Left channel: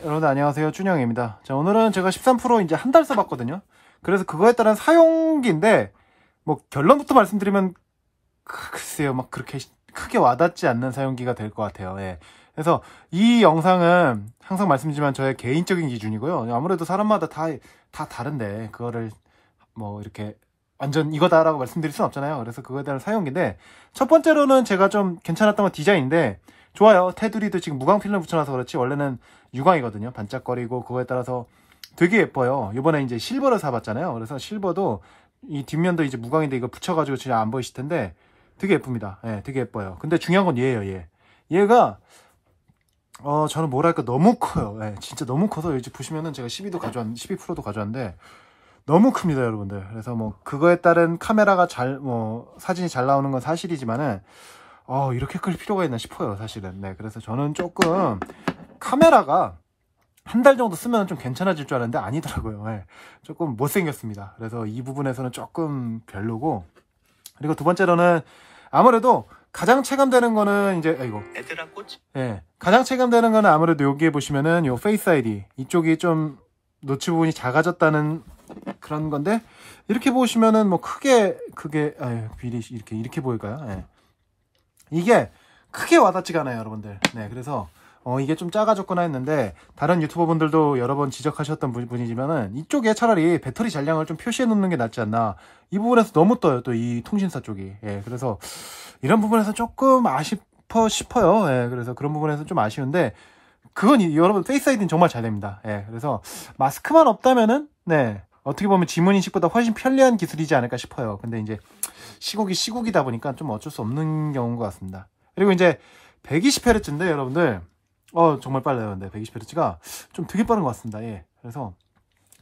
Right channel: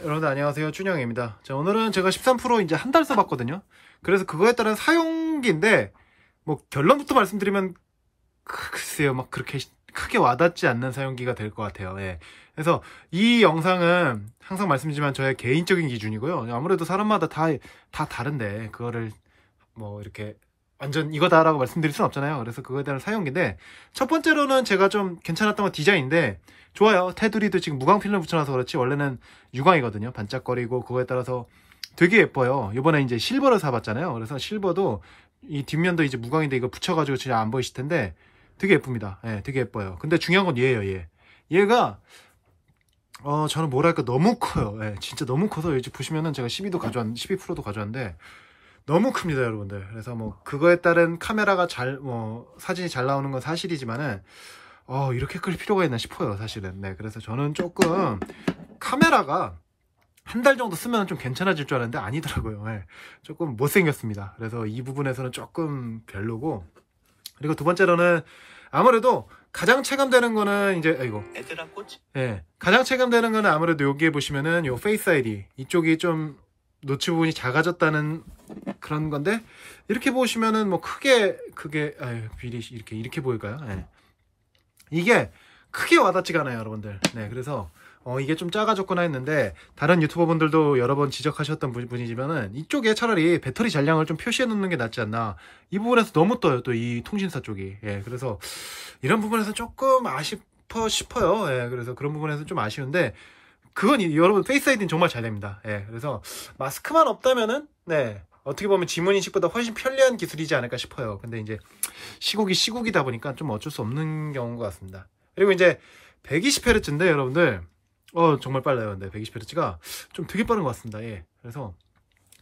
여러분 안녕하세요, 준영입니다. 자, 오늘은 제가 13% 이제 한 달 써봤거든요. 그래서 그거에 따른 사용기인데 뭐 결론부터 말씀드리면 글쎄요, 막 그렇게 크게 와닿지 않는 사용기가 될 것 같아요. 예. 그래서 이 영상은 항상 말씀드리지만 저의 개인적인 기준이고요. 아무래도 사람마다 다 다른데 그거를 뭐 이렇게 완전 이거다라고 말씀드릴 수는 없잖아요. 그래서 그거에 대한 사용기인데, 첫 번째로는 제가 좀 괜찮았던 건 디자인인데, 좋아요. 테두리도 지금 무광 필름 붙여놔서 그렇지 원래는 유광이거든요. 반짝거리고 그거에 따라서 되게 예뻐요. 이번에 이제 실버를 사봤잖아요. 그래서 실버도 이 뒷면도 이제 무광인데 이거 붙여가지고 진짜 안 보이실 텐데 되게 예쁩니다. 예, 되게 예뻐요. 근데 중요한 건 얘예요. 얘가 저는 뭐랄까 너무 커요. 예, 진짜 너무 커서 이제 보시면은 제가 12%도 가져왔는데 너무 큽니다, 여러분들. 그래서 뭐 그거에 따른 카메라가 사진이 잘 나오는 건 사실이지만은 이렇게 클 필요가 있나 싶어요, 사실은. 네, 그래서 저는 조금 카메라가 한 달 정도 쓰면 좀 괜찮아질 줄 알았는데 아니더라고요. 네, 조금 못생겼습니다. 그래서 이 부분에서는 조금 별로고, 그리고 두 번째로는 아무래도 가장 체감되는 거는 이제 애들아 꽃? 네, 가장 체감되는 거는 아무래도 여기에 보시면은 요 페이스 아이디 이쪽이 좀 노치 부분이 작아졌다는 그런 건데, 이렇게 보시면은 뭐 크게 그게 비리 이렇게 보일까요? 네. 이게 크게 와닿지가 않아요, 여러분들. 네, 그래서 이게 좀 작아졌구나 했는데, 다른 유튜버 분들도 여러 번 지적하셨던 분이지만은 이쪽에 차라리 배터리 잔량을 좀 표시해 놓는 게 낫지 않나. 이 부분에서 너무 떠요, 또 이 통신사 쪽이. 예, 그래서 이런 부분에서 조금 싶어요. 예, 그래서 그런 부분에서 좀 아쉬운데, 그건 여러분 페이스 아이디는 정말 잘 됩니다. 예, 그래서 마스크만 없다면은 네, 어떻게 보면 지문인식보다 훨씬 편리한 기술이지 않을까 싶어요. 근데 이제 시국이다 보니까 좀 어쩔 수 없는 경우인 것 같습니다. 그리고 이제 120Hz인데 여러분들 정말 빨라요. 근데 120Hz가 좀 되게 빠른 것 같습니다. 예, 그래서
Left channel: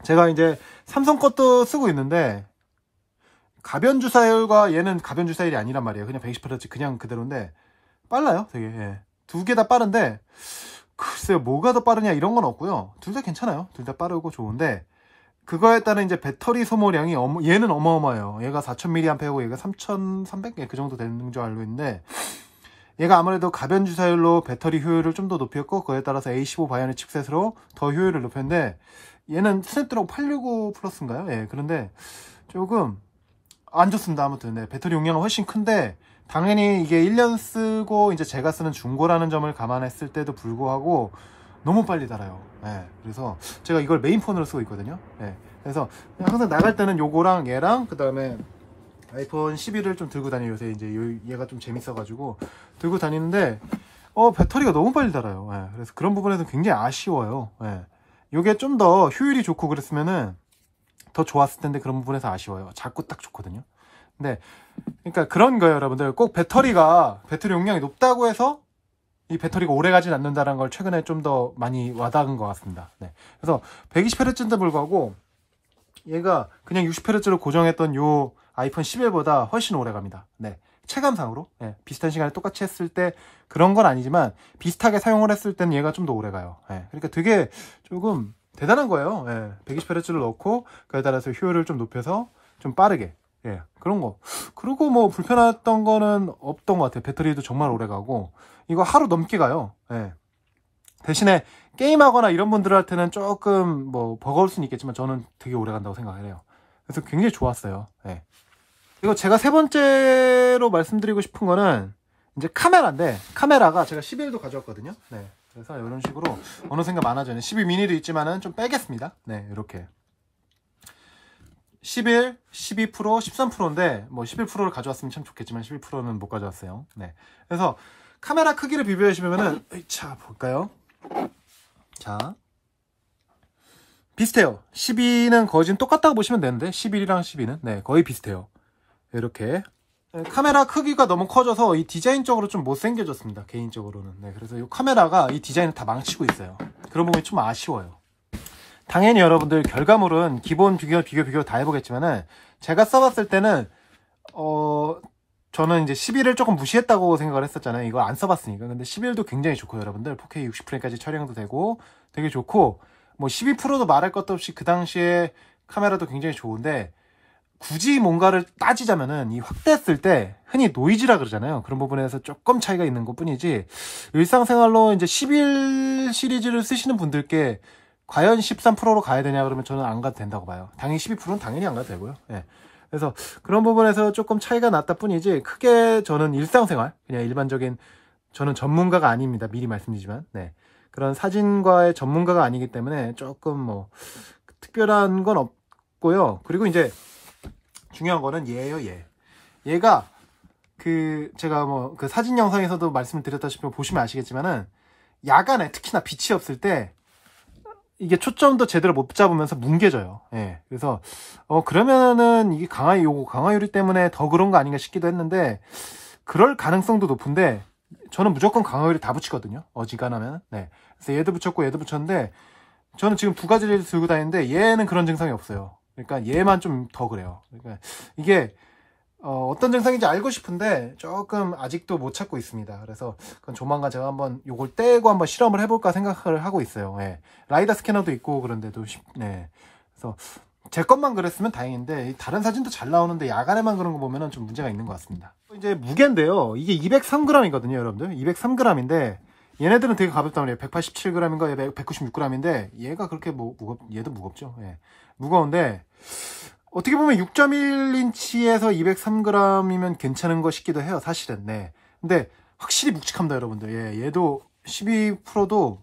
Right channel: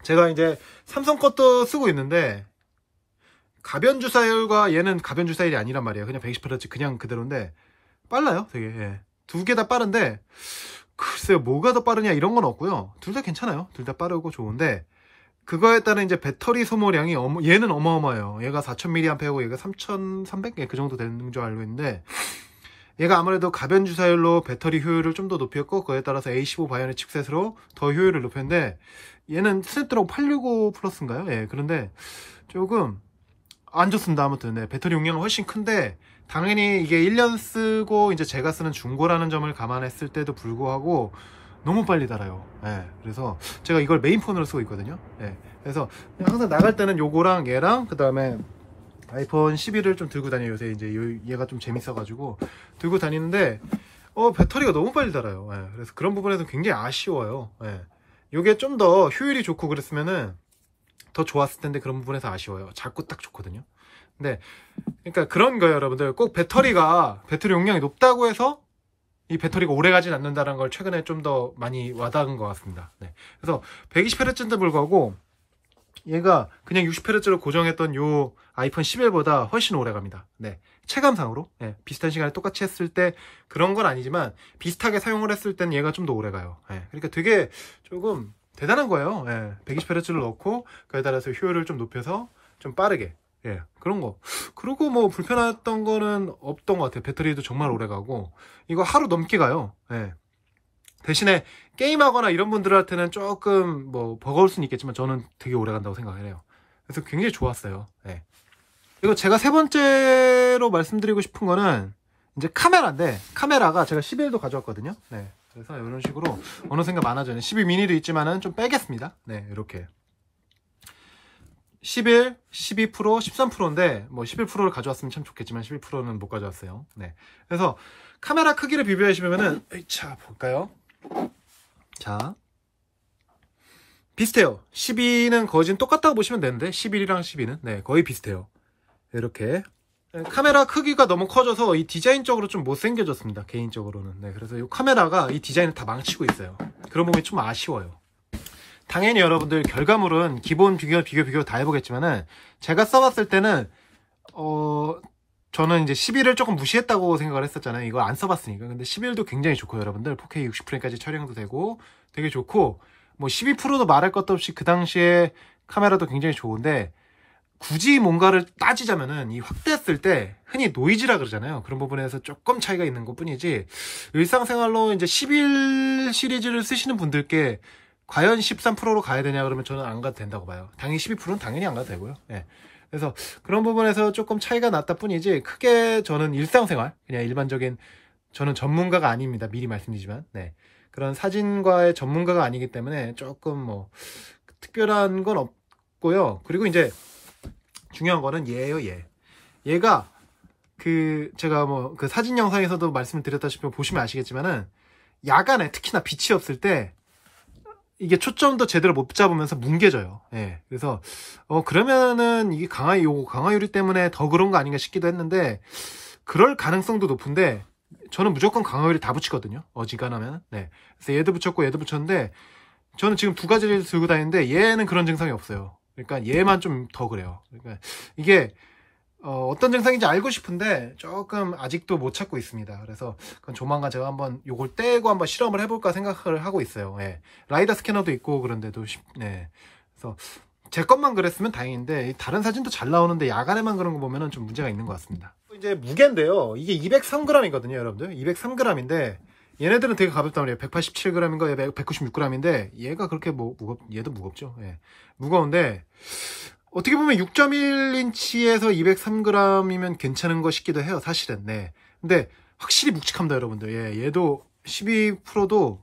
제가 이제 삼성 것도 쓰고 있는데 가변 주사율과 얘는 가변 주사율이 아니란 말이에요. 그냥 120Hz 그냥 그대로인데 빨라요, 되게. 예. 두 개 다 빠른데 글쎄요, 뭐가 더 빠르냐 이런 건 없고요. 둘 다 괜찮아요. 둘 다 빠르고 좋은데, 그거에 따른 이제 배터리 소모량이 얘는 어마어마해요. 얘가 4000mAh고 얘가 3300 그 정도 되는 줄 알고 있는데, 얘가 아무래도 가변 주사율로 배터리 효율을 좀 더 높였고, 그에 따라서 A15 바이오닉 칩셋으로 더 효율을 높였는데, 얘는 스냅드래곤 865 플러스인가요? 예, 그런데 조금 안 좋습니다. 아무튼 네, 배터리 용량은 훨씬 큰데, 당연히 이게 1년 쓰고 이제 제가 쓰는 중고라는 점을 감안했을 때도 불구하고 너무 빨리 달아요. 예, 그래서 제가 이걸 메인폰으로 쓰고 있거든요. 예, 그래서 항상 나갈 때는 요거랑 얘랑 그 다음에 아이폰 11을 좀 들고 다녀요. 요새 이제 얘가 좀 재밌어가지고 들고 다니는데 배터리가 너무 빨리 달아요. 예, 그래서 그런 부분에서 굉장히 아쉬워요. 예, 요게 좀 더 효율이 좋고 그랬으면은 더 좋았을 텐데 그런 부분에서 아쉬워요. 자꾸 딱 좋거든요. 네, 그러니까 그런 거예요, 여러분들. 꼭 배터리 용량이 높다고 해서 이 배터리가 오래 가진 않는다는 걸 최근에 좀 더 많이 와닿은 것 같습니다. 네, 그래서 120Hz인데 불구하고 얘가 그냥 60Hz로 고정했던 요 아이폰 11보다 훨씬 오래 갑니다. 네, 체감상으로. 네, 비슷한 시간에 똑같이 했을 때 그런 건 아니지만 비슷하게 사용을 했을 땐 얘가 좀 더 오래 가요. 네, 그러니까 되게 조금 대단한 거예요. 네, 120Hz를 넣고 그에 따라서 효율을 좀 높여서 좀 빠르게. 예, 그런 거. 그리고 뭐 불편했던 거는 없던 것 같아요. 배터리도 정말 오래 가고 이거 하루 넘게 가요. 예. 대신에 게임하거나 이런 분들한테는 조금 뭐 버거울 수는 있겠지만 저는 되게 오래 간다고 생각을 해요. 그래서 굉장히 좋았어요. 예. 그리고 제가 세 번째로 말씀드리고 싶은 거는 이제 카메라인데, 카메라가 제가 11도 가져왔거든요. 네, 그래서 이런 식으로 어느샌가 많아져요. 12 미니도 있지만은 좀 빼겠습니다. 네, 이렇게 11, 12%, 13%인데 뭐 11%를 가져왔으면 참 좋겠지만 11%는 못 가져왔어요. 네, 그래서 카메라 크기를 비교하시면은 자 볼까요? 자, 비슷해요. 12는 거진 똑같다고 보시면 되는데 11이랑 12는 네, 거의 비슷해요. 이렇게 카메라 크기가 너무 커져서 이 디자인적으로 좀 못생겨졌습니다, 개인적으로는. 네, 그래서 이 카메라가 이 디자인을 다 망치고 있어요. 그런 부분이 좀 아쉬워요. 당연히 여러분들 결과물은 기본 비교 다 해보겠지만은 제가 써봤을 때는 저는 이제 11을 조금 무시했다고 생각을 했었잖아요. 이거 안 써봤으니까. 근데 11도 굉장히 좋고 여러분들 4K 60프레임까지 촬영도 되고 되게 좋고, 뭐 12%도 말할 것도 없이 그 당시에 카메라도 굉장히 좋은데 굳이 뭔가를 따지자면은 이 확대했을 때 흔히 노이즈라 그러잖아요. 그런 부분에서 조금 차이가 있는 것 뿐이지, 일상생활로 이제 11 시리즈를 쓰시는 분들께 과연 13%로 가야 되냐 그러면 저는 안 가도 된다고 봐요. 당연히 12%는 당연히 안 가도 되고요. 예. 그래서 그런 부분에서 조금 차이가 났다 뿐이지, 크게 저는 일상생활, 그냥 일반적인, 저는 전문가가 아닙니다. 미리 말씀드리지만. 네. 그런 사진과의 전문가가 아니기 때문에 조금 뭐 특별한 건 없고요. 그리고 이제 중요한 거는 얘예요, 얘. 얘가 제가 뭐 그 사진 영상에서도 말씀을 드렸다시피 보시면 아시겠지만은, 야간에 특히나 빛이 없을 때 이게 초점도 제대로 못 잡으면서 뭉개져요. 예. 그래서 그러면은 이게 강화유리 때문에 더 그런 거 아닌가 싶기도 했는데, 그럴 가능성도 높은데, 저는 무조건 강화유리 다 붙이거든요. 어지간하면. 네. 그래서 얘도 붙였고 얘도 붙였는데, 저는 지금 두 가지를 들고 다니는데 얘는 그런 증상이 없어요. 그러니까 얘만 좀 더 그래요. 그러니까 이게 어떤 증상인지 알고 싶은데 조금 아직도 못 찾고 있습니다. 그래서 그건 조만간 제가 한번 요걸 떼고 한번 실험을 해볼까 생각을 하고 있어요. 예. 라이다 스캐너도 있고 그런데도, 네. 그래서 제 것만 그랬으면 다행인데, 다른 사진도 잘 나오는데 야간에만 그런 거 보면은 좀 문제가 있는 것 같습니다. 이제 무게인데요. 이게 203g이거든요, 여러분들. 203g인데 얘네들은 되게 가볍단 말이에요. 187g인가 196g인데 얘가 그렇게 얘도 무겁죠. 예. 무거운데 어떻게 보면 6.1인치에서 203g이면 괜찮은 거 싶기도 해요, 사실은. 네. 근데 확실히 묵직합니다, 여러분들. 예. 얘도 12%도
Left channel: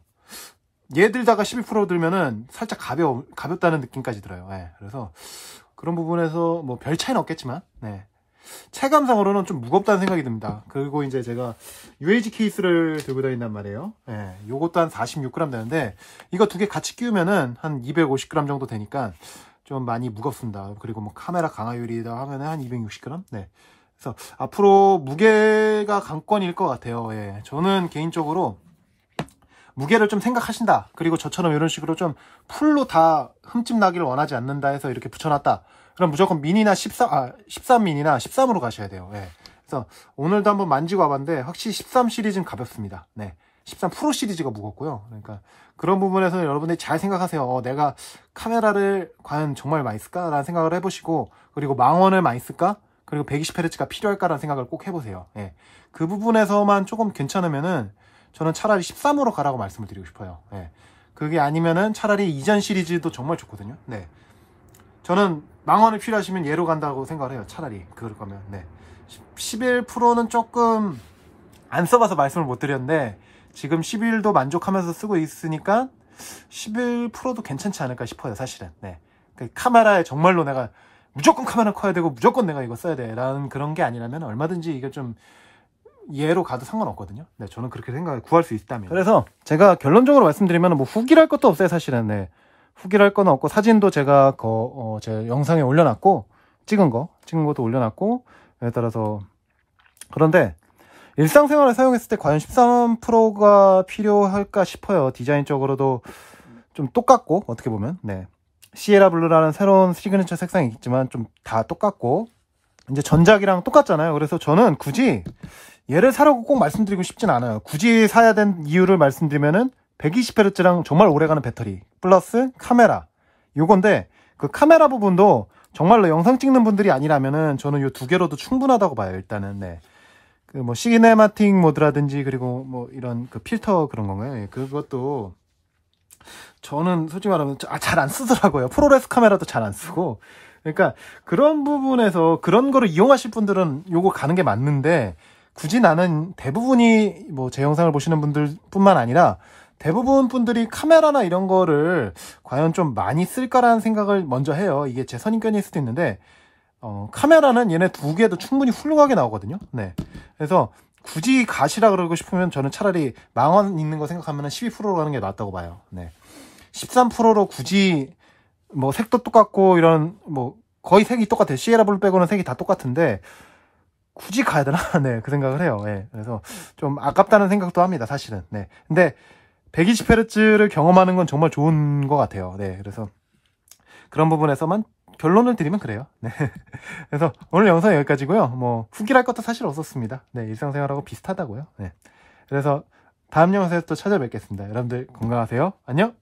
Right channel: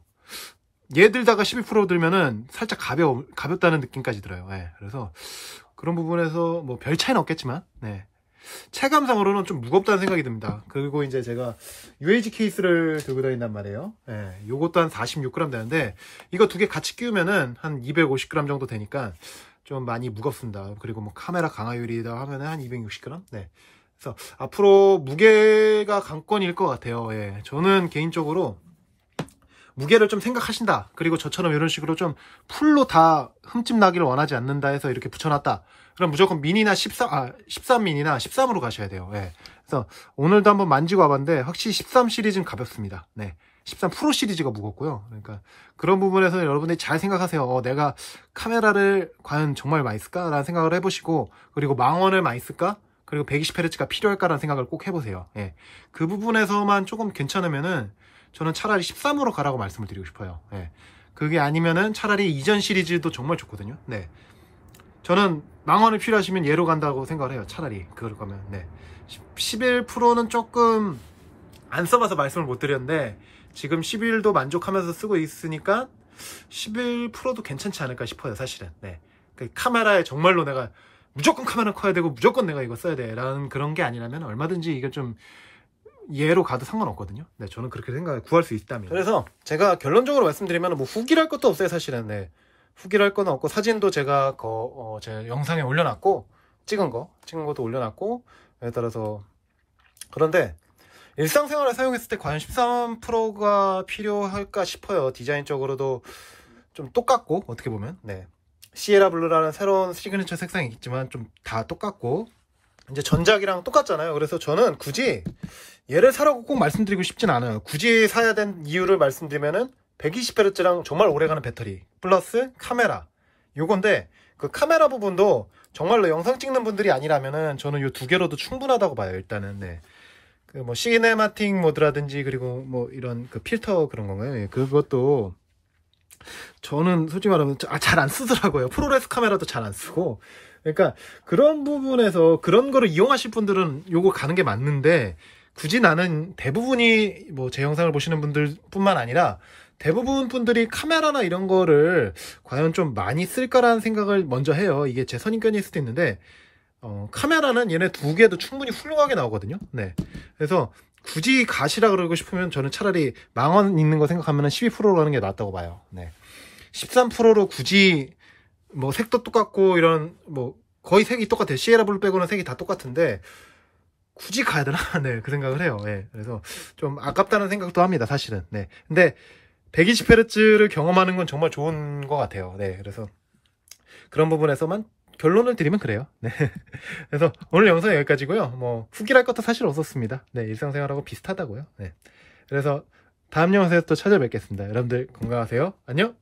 얘 들다가 12% 들면은 살짝 가볍다는 느낌까지 들어요. 예. 그래서 그런 부분에서 뭐 별 차이는 없겠지만, 네. 체감상으로는 좀 무겁다는 생각이 듭니다. 그리고 이제 제가 UAG 케이스를 들고 다닌단 말이에요. 예, 요것도 한 46g 되는데, 이거 두 개 같이 끼우면은 한 250g 정도 되니까 좀 많이 무겁습니다. 그리고 뭐 카메라 강화율이다 하면은 한 260g? 네. 그래서 앞으로 무게가 관건일 것 같아요. 예. 저는 개인적으로 무게를 좀 생각하신다, 그리고 저처럼 이런 식으로 좀 풀로 다 흠집 나기를 원하지 않는다 해서 이렇게 붙여놨다, 그럼 무조건 미니나 13미니나 13으로 가셔야 돼요. 예. 그래서 오늘도 한번 만지고 와봤는데 확실히 13 시리즈는 가볍습니다. 네. 13 프로 시리즈가 무겁고요. 그러니까 그런 부분에서 여러분들이 잘 생각하세요. 내가 카메라를 과연 정말 많이 쓸까? 라는 생각을 해보시고, 그리고 망원을 많이 쓸까? 그리고 120Hz가 필요할까라는 생각을 꼭 해보세요. 예. 그 부분에서만 조금 괜찮으면은 저는 차라리 13으로 가라고 말씀을 드리고 싶어요. 예. 그게 아니면은 차라리 이전 시리즈도 정말 좋거든요. 네. 저는 망원이 필요하시면 얘로 간다고 생각을 해요. 차라리 그럴 거면. 네. 11%는 조금 안 써봐서 말씀을 못 드렸는데, 지금 11도 만족하면서 쓰고 있으니까 11%도 괜찮지 않을까 싶어요, 사실은. 네. 카메라에 정말로 내가 무조건 카메라 커야 되고 무조건 내가 이거 써야 돼 라는 그런 게 아니라면 얼마든지 이게 좀 얘로 가도 상관없거든요. 네, 저는 그렇게 생각을 구할 수 있다면. 그래서 제가 결론적으로 말씀드리면 뭐 후기랄 것도 없어요, 사실은. 네. 후기랄 건 없고, 사진도 제가 제 영상에 올려놨고, 찍은 것도 올려놨고, 에 따라서. 그런데 일상생활에 사용했을 때 과연 13%가 필요할까 싶어요. 디자인적으로도 좀 똑같고, 어떻게 보면. 네. 시에라 블루라는 새로운 시그니처 색상이 있지만 좀 다 똑같고, 이제 전작이랑 똑같잖아요. 그래서 저는 굳이 얘를 사라고 꼭 말씀드리고 싶진 않아요. 굳이 사야 된 이유를 말씀드리면은 120Hz랑 정말 오래가는 배터리 플러스 카메라, 요건데 그 카메라 부분도 정말로 영상 찍는 분들이 아니라면은 저는 요 두 개로도 충분하다고 봐요. 일단은. 네. 그 뭐 시네마틱 모드라든지, 그리고 뭐 이런 그 필터 그런 건가요? 예, 그것도 저는 솔직히 말하면 잘 안 쓰더라고요. 프로레스 카메라도 잘 안 쓰고. 그러니까 그런 부분에서 그런 거를 이용하실 분들은 요거 가는 게 맞는데, 굳이 나는 대부분이 뭐 제 영상을 보시는 분들 뿐만 아니라 대부분 분들이 카메라나 이런 거를 과연 좀 많이 쓸까라는 생각을 먼저 해요. 이게 제 선입견일 수도 있는데, 카메라는 얘네 두 개도 충분히 훌륭하게 나오거든요. 네. 그래서 굳이 가시라 그러고 싶으면 저는 차라리 망원 있는 거 생각하면 12%로 가는 게 낫다고 봐요. 네. 13%로 굳이 뭐 색도 똑같고 이런 뭐 거의 색이 똑같아요. 시에라 블루 빼고는 색이 다 똑같은데 굳이 가야 되나? 네, 그 생각을 해요. 네. 그래서 좀 아깝다는 생각도 합니다, 사실은. 네. 근데 120Hz를 경험하는 건 정말 좋은 것 같아요. 네. 그래서 그런 부분에서만 결론을 드리면 그래요. 네. 그래서 오늘 영상 여기까지고요. 뭐 후기랄 것도 사실 없었습니다. 네, 일상생활하고 비슷하다고요. 네. 그래서 다음 영상에서 또 찾아뵙겠습니다. 여러분들 건강하세요. 안녕.